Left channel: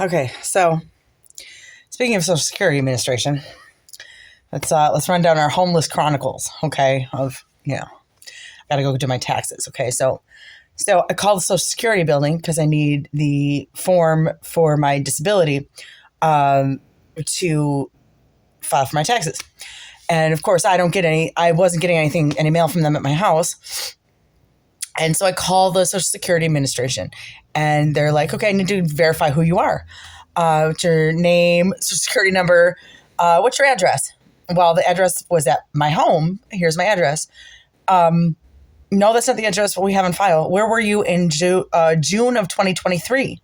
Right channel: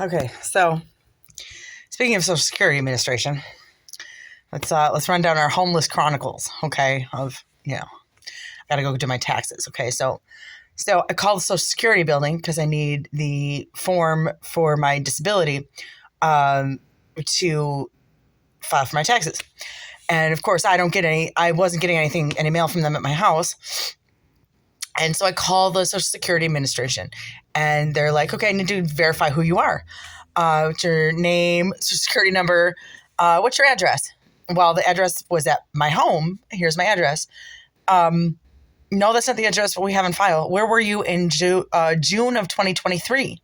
Okay, so speaking of Social Security Administration, let's run down our homeless chronicles. Okay, I gotta go do my taxes. Okay, so I called the Social Security building because I need the form for my disability to file for my taxes. And of course, I wasn't getting any mail from them at my house. And so I call the Social Security Administration and they're like, okay, I need to verify who you are. What's your name, Social Security number, what's your address? Well, the address was at my home. Here's my address. No, that's not the address we have on file. Where were you in June of 2023?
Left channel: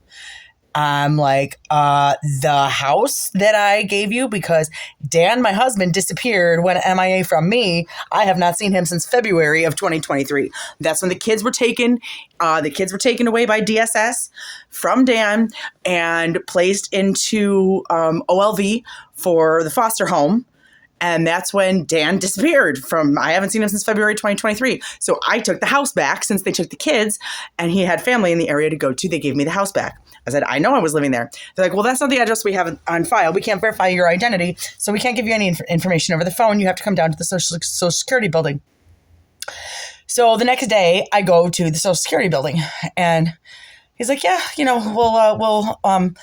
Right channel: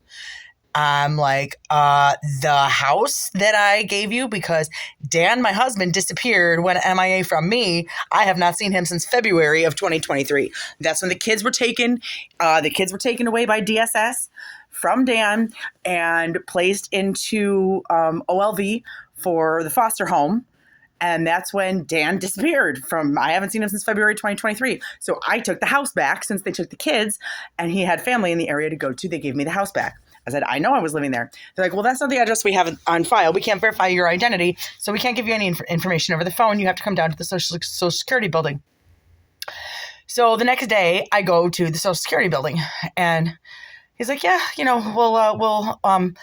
I'm like, the house that I gave you, because Dan, my husband, disappeared, went MIA from me. I have not seen him since February of 2023. That's when the kids were taken. The kids were taken away by DSS from Dan and placed into OLV for the foster home. And that's when Dan disappeared I haven't seen him since February 2023. So I took the house back since they took the kids and he had family in the area to go to. They gave me the house back. I said, I know I was living there. They're like, well, that's not the address we have on file. We can't verify your identity. So we can't give you any information over the phone. You have to come down to the Social Security building. So the next day I go to the Social Security building and he's like, yeah, we'll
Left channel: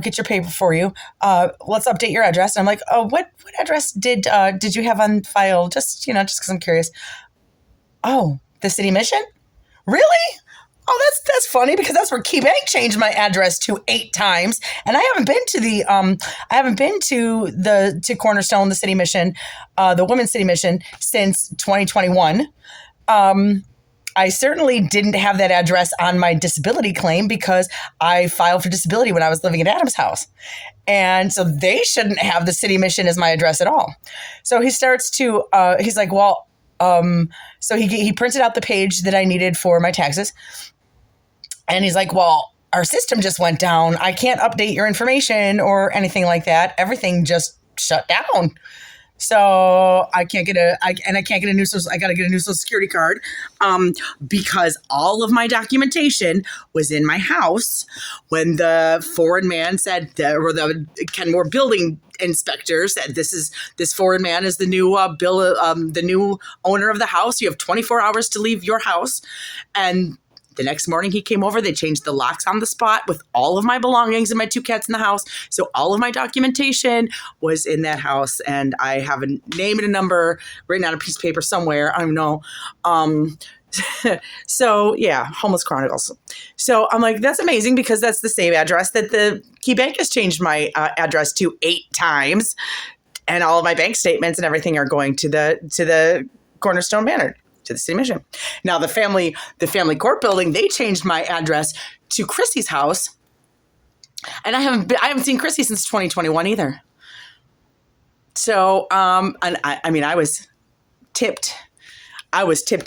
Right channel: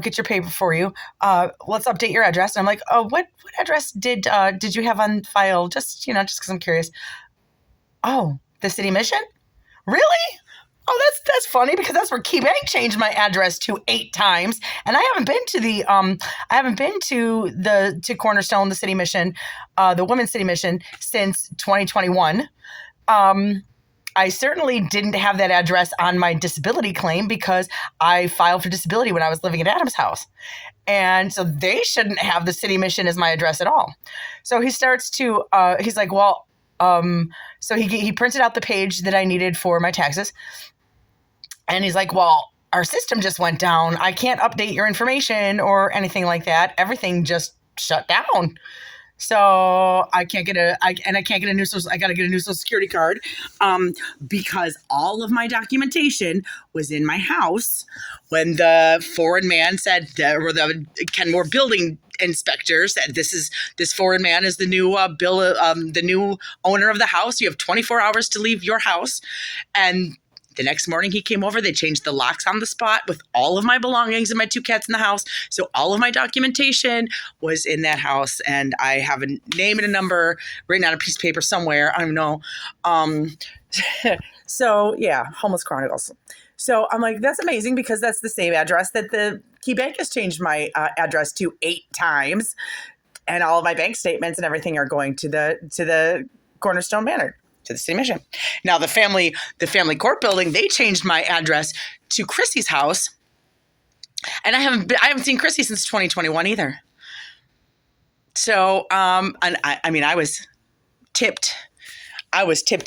get your paper for you. Let's update your address. And I'm like, oh, what address did you have on file? Just because I'm curious. Oh, the City Mission? Really? Oh, that's funny because that's where KeyBank changed my address to 8 times, and I haven't been to Cornerstone, the City Mission, the Women's City Mission since 2021. I certainly didn't have that address on my disability claim because I filed for disability when I was living at Adam's house. And so they shouldn't have the City Mission as my address at all. So he starts to, he's like, well, so he printed out the page that I needed for my taxes. And he's like, well, our system just went down. I can't update your information or anything like that. Everything just shut down. So I can't get I got to get a new Social Security card because all of my documentation was in my house when the foreign man said, or the Kenmore building inspector said, this foreign man is the new the new owner of the house. You have 24 hours to leave your house. And the next morning he came over, they changed the locks on the spot with all of my belongings and my 2 cats in the house. So all of my documentation was in that house and I have a name and a number written on a piece of paper somewhere. I don't know. So yeah, Homeless Chronicles. So I'm like, that's amazing because that's the same address that the KeyBank has changed my address to 8 times. And all of my bank statements and everything are going to the Cornerstone Manor, to the City Mission. Now the family court building, they changed my address to Chrissy's house, and I haven't seen Chrissy since 2021 either. So and I was tipped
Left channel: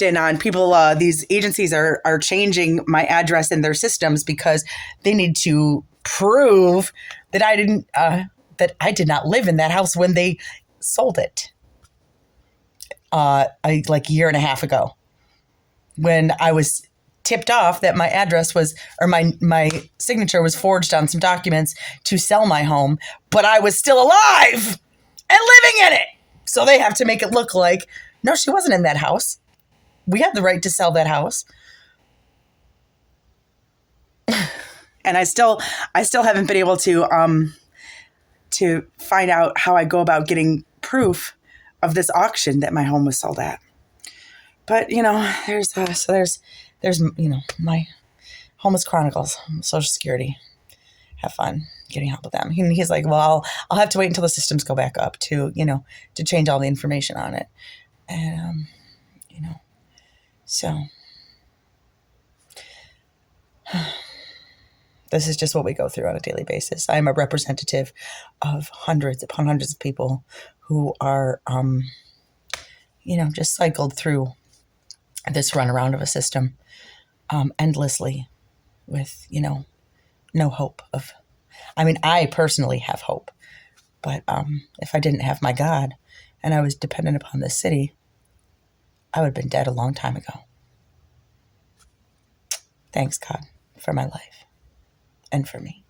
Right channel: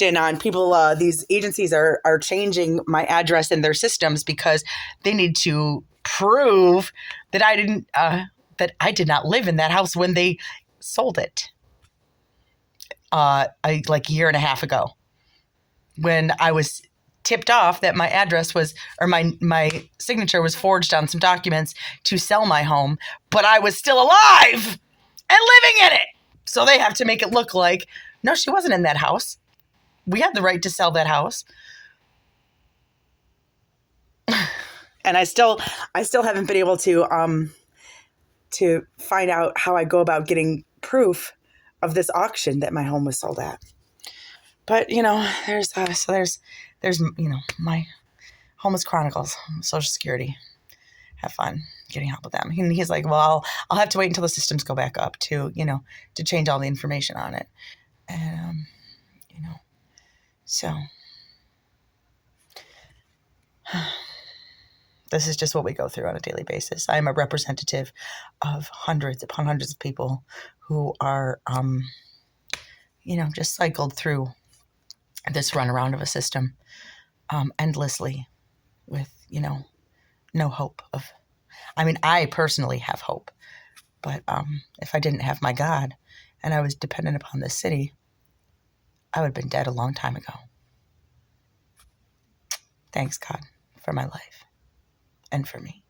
in on people. These agencies are changing my address in their systems because they need to prove that I did not live in that house when they sold it. Like a year and a half ago, when I was tipped off that my address was, or my signature was forged on some documents to sell my home, but I was still alive and living in it. So they have to make it look like, no, she wasn't in that house. We had the right to sell that house. And I still haven't been able to find out how I go about getting proof of this auction that my home was sold at. But, there's my Homeless Chronicles, Social Security. Have fun getting help with them. He's like, well, I'll have to wait until the systems go back up to change all the information on it. And, so this is just what we go through on a daily basis. I'm a representative of hundreds upon hundreds of people who are, just cycled through this runaround of a system endlessly with, no hope of, I personally have hope, but if I didn't have my God and I was dependent upon this city, I would have been dead a long time ago. Thanks, God, for my life and for me.